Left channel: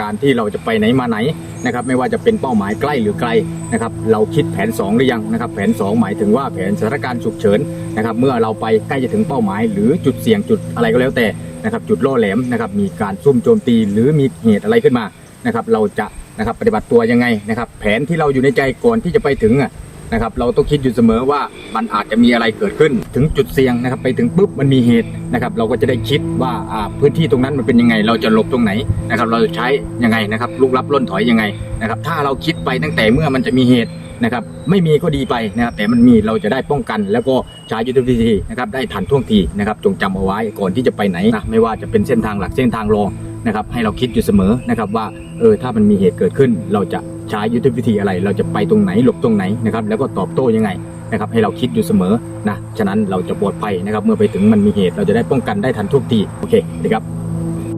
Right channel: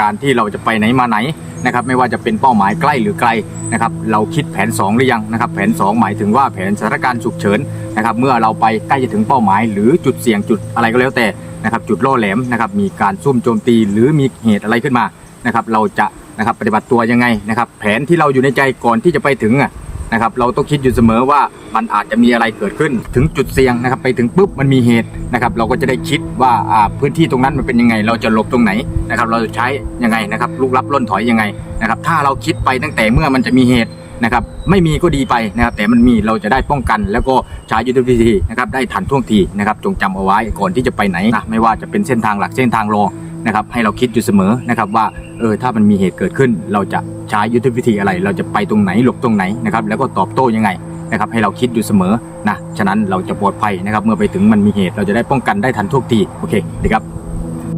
การที่เราจะไปไหนมาไหนนะครับไม่ว่าจะเป็นเป้าหมายใกล้หรือไกลนะครับเราคิดแผน 2 หรือยังนะครับแผน 2 หมายถึงว่าแผนสถานการณ์ฉุกเฉินนะครับเมื่อเราไปใกล้จะถึงเป้าหมาย หรือจุดเสี่ยงจุดอะไรก็แล้วแต่นะครับจุดล่อแหลมนะครับมีการซุ่มโจมตีหรือมีเหตุอะไรขึ้นมานะครับเราจะนะครับปฏิบัติตัวยังไงนะครับแผนที่เราอยู่ในใจก่อนที่จะไปถึงอะ นะครับเราต้องคิดอยู่เสมอว่ามันอาจจะมีอะไรเกิดขึ้น ถึงจุดเสี่ยงนะครับไปถึงปุ๊บมันมีเหตุนะครับเราก็จะได้คิดว่าพื้นที่ตรงนั้นมันเป็นยังไง เราจะหลบตรงไหนนะครับเราจะใช้ยังไงนะครับลุกลับล่นถอยยังไงนะครับถ้าเราคิดไปตั้งแต่เมื่อมันจะมีเหตุนะครับไม่มีก็ดีไปนะครับแต่มันมีเราจะได้ป้องกัน แล้วก็ใช้ยุทธวิธีนะครับได้ทันท่วงทีนะครับจงจำเอาไว้ก่อนที่จะไปไหนนะไม่ว่าจะเป็นเส้นทางหลักเส้นทางรองนะครับให้เราคิดอยู่เสมอนะครับว่าเออถ้ามันมีเหตุเกิดขึ้นเราจะ ใช้ยุทธวิธีอะไร เราจะไปตรงไหนหลบตรงไหนนะครับแล้วก็ตอบโต้ยังไงนะครับให้เราคิดอยู่เสมอนะฉะนั้นเราจะปลอดภัยนะครับเมื่อไปถึงมันมีเหตุเราจะได้ป้องกันได้ทันทุกทีโอเคดีครับ